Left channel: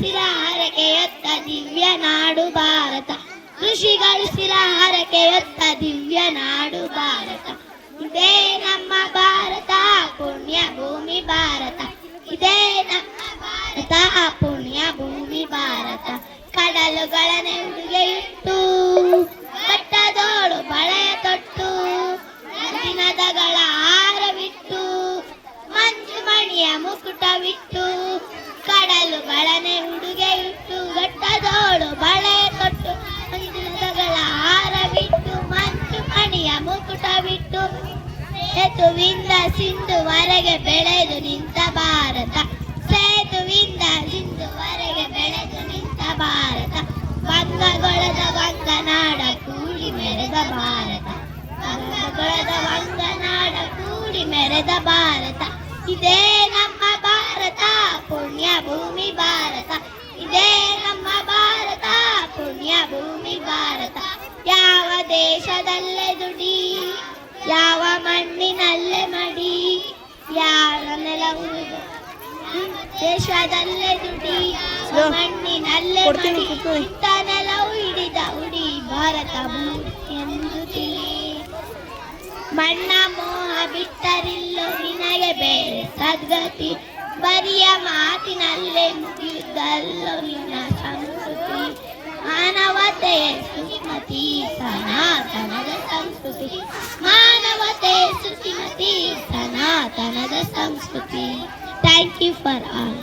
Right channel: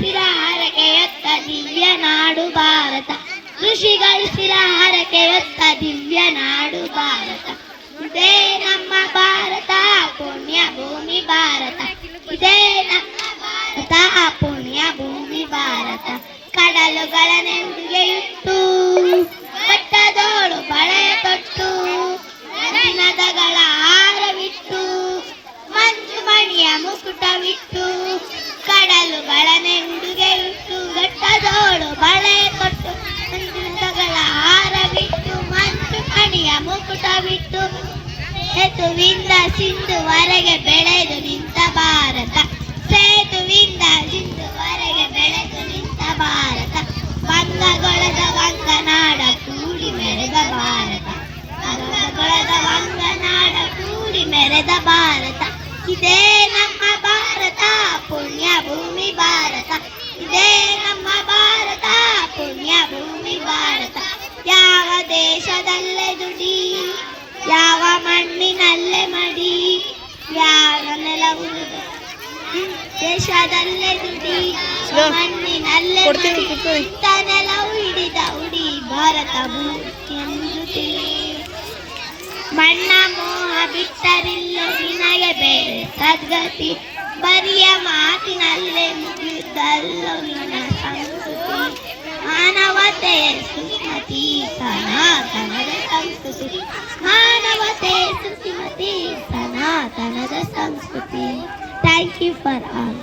ಶಿರ ಹರಕೆಯೊತ್ತ ದಿವ್ಯ ನಾಡು ಭಾರತ, ಋಷಿಗಳು ಶಿರ ಹರಕೆಯೊತ್ತ ದಿವ್ಯ ನಾಡು ಭಾರತ. ಇದೇ ನಮ್ಮ ಭಾರತ ಪುಣ್ಯ ಭೂಮಿ ಭಾರತ, ಇದೇ ನಮ್ಮ ಭಾರತ ಪುಣ್ಯ ಭೂಮಿ ಭಾರತ. ಕಡಲುಗಳ ನೆಂದುಗೆಯಿಟ್ಟು ಬೆಟ್ಟದೋಳು ಬಳೆಯ ತೊಟ್ಟು, ನದಿನದಗಳ ಹಾರವಿಟ್ಟು ಮಂಜು ಮಣಿಯ ಮುಕುಟವಿಟ್ಟು, ಕಡಲುಗಳ ನೆಂದುಗೆಯಿಟ್ಟು ಬೆಟ್ಟದೋಳು ಬಳೆಯ ತೊಟ್ಟು, ನದಿನದಗಳ ಹಾರವಿಟ್ಟು ಮಂಜು ಮಣಿಯ ಮುಕುಟವಿಟ್ಟು, ಸೇತುವಿಂದ ಸಿಂಧುವರೆಗೆ ಬೆಳೆದು ನಿಂತ ಭಾರತ, ಸೇತುವಿಂದ ಸಿಂಧುವರೆಗೆ ಬೆಳೆದು ನಿಂತ ಭಾರತ. ವಂಗಗೊಳದ ವಂಗನಾಡ ಕೂಡಿ ಮೆರೆದ ಭಾರತ, ವಂಗಗೊಳದ ವಂಗನಾಡ ಕೂಡಿ ಮೆರೆದ ಭಾರತ. ಇದೇ ನಮ್ಮ ಭಾರತ ಪುಣ್ಯ ಭೂಮಿ ಭಾರತ, ಇದೇ ನಮ್ಮ ಭಾರತ ಪುಣ್ಯ ಭೂಮಿ ಭಾರತ. ಯಾವ ದೇಶದಲ್ಲೇ ದುಡಿ, ಯಾವ ಮಣ್ಣಿನಲ್ಲೇ ಮಡಿ, ಯಾವ ನೆಲವು ದೇಶದಲ್ಲೇ ದುಡಿ, ಮಣ್ಣಿನಲ್ಲೇ ಮಡಿ, ಇಂಥ ನೆಲವು ಹಿಡಿದ ಉಡಿ ಭಾರತ ಭೂಮಿ ಎಂದು ತಿಳಿ. ಮಣ್ಣ ಮೋಹ ಬಿಟ್ಟರಿಲ್ಲ ನಿನಗೆ ಬೇರೆ ಸದ್ಗತಿ, ಬರಿಯ ಮಾತಿನಲ್ಲೇ ಮುಗಿದಲ್ಲೋ ನಿನ್ನ ಸಂಸ್ಕೃತಿ. ಮಾನವತೆ ಸುಮತಿ ಸನಾತನದ ಸಂಸ್ಕೃತಿ, ಮಾನವತೆ ಸುಮತಿ ಸನಾತನದ ಸಂಸ್ಕೃತಿ. Thank you for all.